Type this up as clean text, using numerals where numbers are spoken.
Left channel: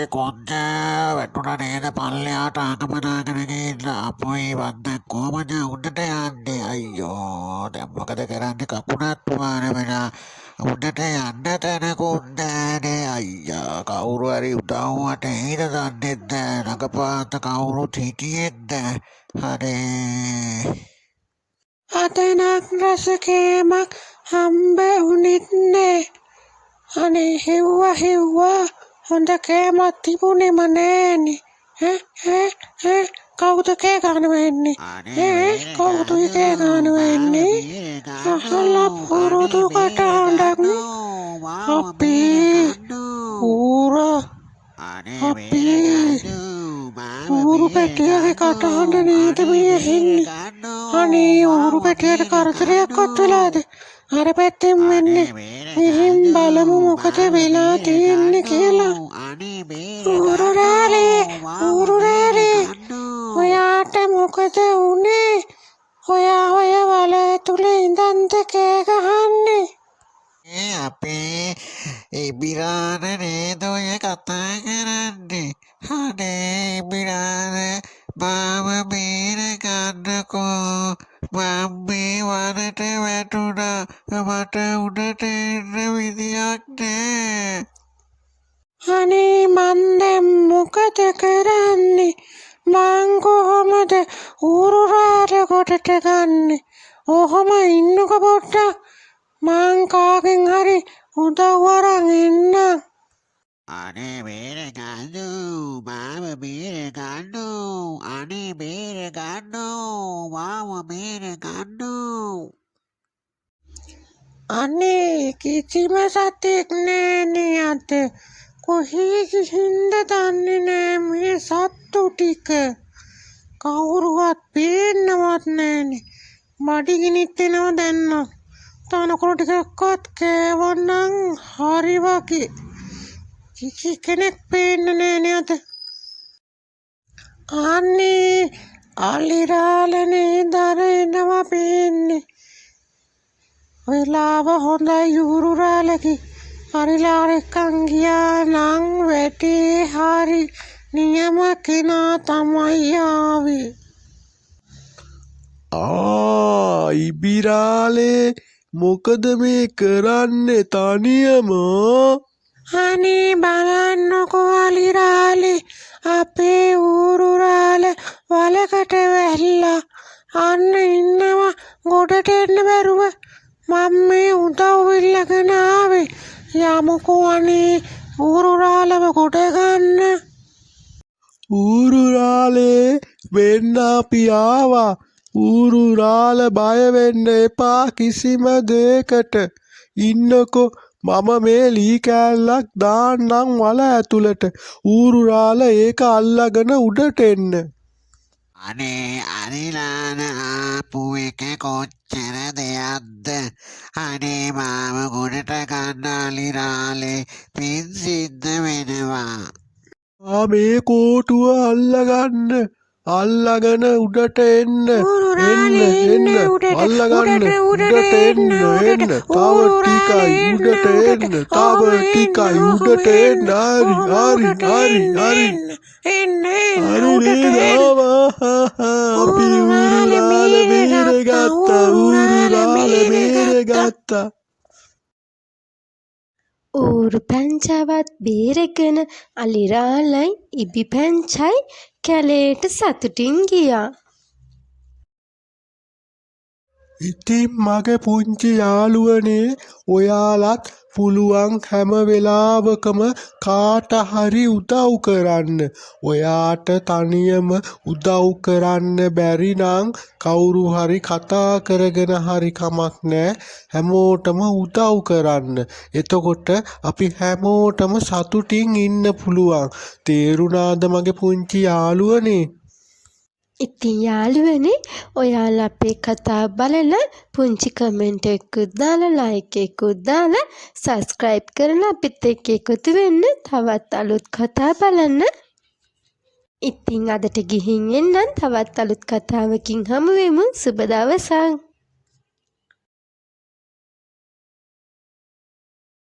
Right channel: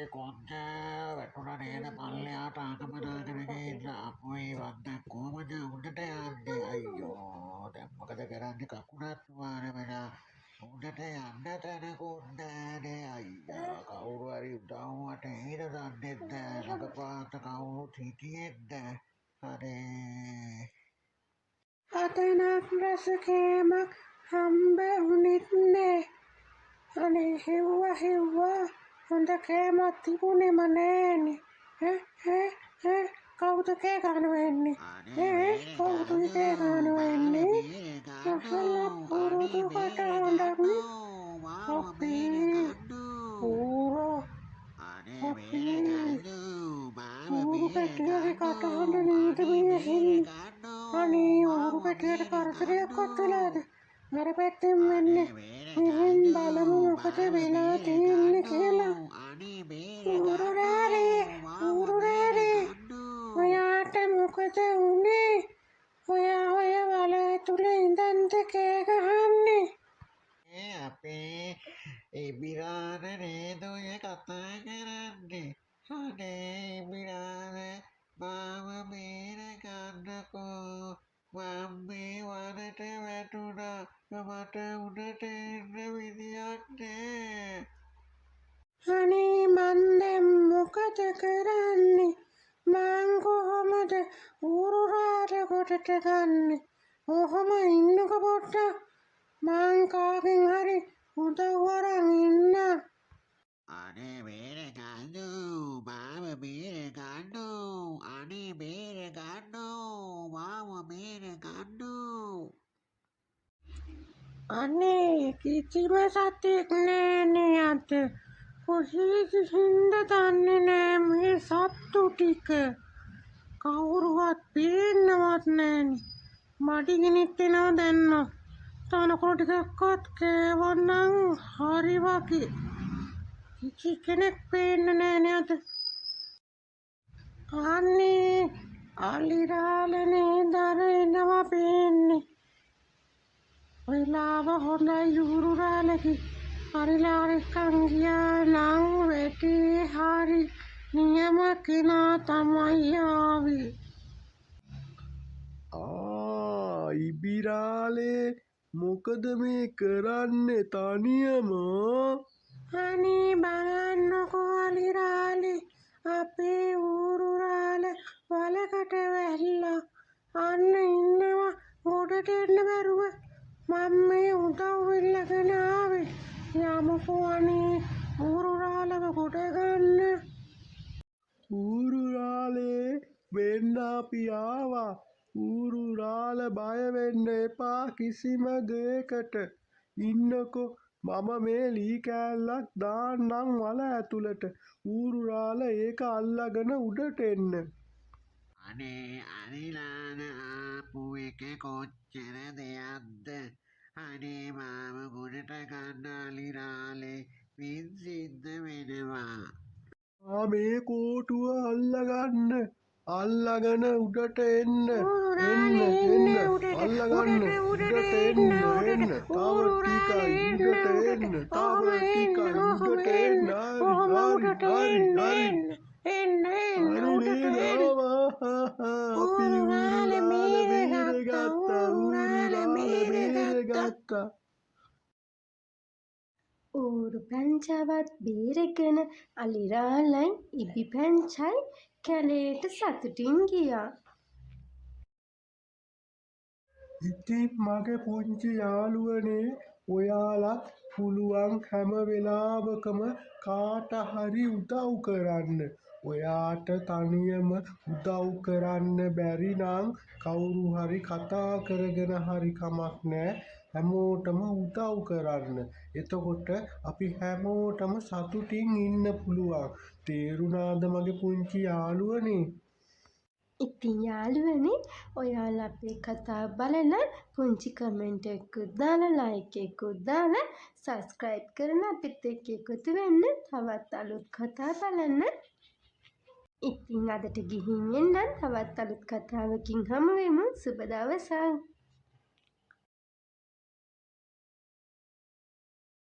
මගේ කොන්ද වැටුණා නේද පල්ලෙහාට ආගමනාගෙන ගිහින් අපොයි වන්ද කොහමද උඩට යන්නේ අයියෝ දැන් මොකද කරන්නේ කකුණත් පුවාන වෙලා උඩට යන්න තැනකුත් නෑනේ අයියා කවුරු හරි උදව්වට එයිද දන්නෙත් නෑ ළඟපාත කවුරුත් හිටියෙත් නෑ අනේ අතනක් රසකෑමක් හම්බ වුණෙත් නෑ. අනේ හෙව්වා හොඳ කෑමක් තිබුණෙම නෑනේ. ඈ කවුද කෑ ගන්නවා එන්නේ? කවුද කෑ ගන්නවා එන්නේ? අහලා පුරුදු කටහඬක් අපේ ඌරු පැටියගේ කටහඬ නේද මේ ඇහෙන්නේ? අනේ ඌරු පැටියට කරදරයක්වත් වෙලාද? අර පැත්තෙන් වෙන්නේ. මෙහෙන් බලමු මොකද වෙලා තියෙන්නේ කියලා. ඌරුරාලේ ඔයාට මොකද වුනේ? ඔයා ඔය වල ඇතුලේ ඉඳන්ද කෑ ගහන්නේ? අපේ ඉබිරාන නේද ඔය කතා කරන්නේ අනේ ඉබිරාන මාව බේර ගන්නකෝ මම මේ වනට වැටුණා මට උඩට එන්න විදියක් නෑ අනේ මන් දැන් මොකද කරන්නේ? මං කොහොමද ඌරුරාට කොටට ගන්නෙ? ඔහොම ඉන්නකො පොඩ්ඩක් මං කාගෙන් හරි උදව් අරන් එන්නම්. අනේ බේර ගන්නෝ මාව බේර ගන්නෝ අනේ බේර ගන්නෝ මාව බේර ගන්නෝ අනේ කිසිම සතෙක් නෑනේ අද. කොහේ ගිහින්ද දන්නේ නෑ මේ සත්තු ටික. කවුරුවත් පේන්නවත් නෑනේ. බඩගිනිත් එනවා දැන්. තනකොළ ටිකක්වත් කෑවනම් හරි වගේ. කිසි කෙනෙක් පේන්නේ නෑනේ අද. අනේ අලිරාලනේ දරෙනවා පේන්නේ. වෙලාව හොඳයි ඌරුරාලගේ. අරිලාරෙක්කන් ගියා නම් වැටේ හරි නියම කෙනා තමයි ආවේ. ඉබිරාලේ මොකද මේ කරන්නේ තනියම? අනේ බලන්නකෝ අලිරාලේ අපේ ඌරුරාල වලකට වැහිලා අන්න ඉන්නවා ගොඩට එන්න බැරුව. මම මේ උදව් ඉල්ලගෙන ආවේ. යමුකෝ අනේ ඌරුරාලව ගොඩ ගන්න. ඌරුරාලේ වෙන්න අපි ආවා. ඌරුරාල බය වෙන්න එපා කිසිම දෙයකට. ඉන්නකෝ මම මේ ලී කෑල්ලක් දාන්නම් වල ඇතුළට. ඌරුරාල ඒක අල්ලගෙන උඩට එන්න. අනේ අරිලාන ආපු එක කොච්චර දෙයක්ද අනේ මාව ගොඩට ගන්න අලිරාලේ පින් සිද්ධ වෙනවා මේ කෝටුව අල්ලගෙන උඩට එන්න අල්ලගන්න උඩට එන්න තව ටිකයි උඩට එන්න හරි අපි ඌරුරාල බේරගත්තා. ඌරු පැංචාවත් බේරගෙන අලිරාලයි ඉබි පැංචයි කැලේට සතුටින් ගියා. ඉතින් මගේ පුංචි යාළුවනේ ඔයාලත් පුළුවන් හැම වෙලාවකම කාට හරි උදව් කරන්න. ඔයාට තනියම උදව් කරන්න බැරි නම් කවුරු හරි කතා කරගෙන හරි කමක් නෑ. හැමෝටම උදව් කරන්න. එතකොට අපි හැමෝටම සතුටින් ඉන්න පුළුවන්. තේරුණාද මගේ පුංචි යාළුවනේ? ඉතින් යාළුවනේ ඔයාලා අපේ කතා බලලා පුංචි කමෙන්ට් එකකුත් දාලා ලයික් එකකුත් දාලා සබ්ස්ක්‍රයිබ් කරලා අපිත් එක්ක එකතු වෙන්න තවත් අලුත් කතා බලන්න. ඉතින් අදට ගිහින් එන්නම් තවත් අලුත් කතාවකින් හමු වෙමු. සුබ දවසක්.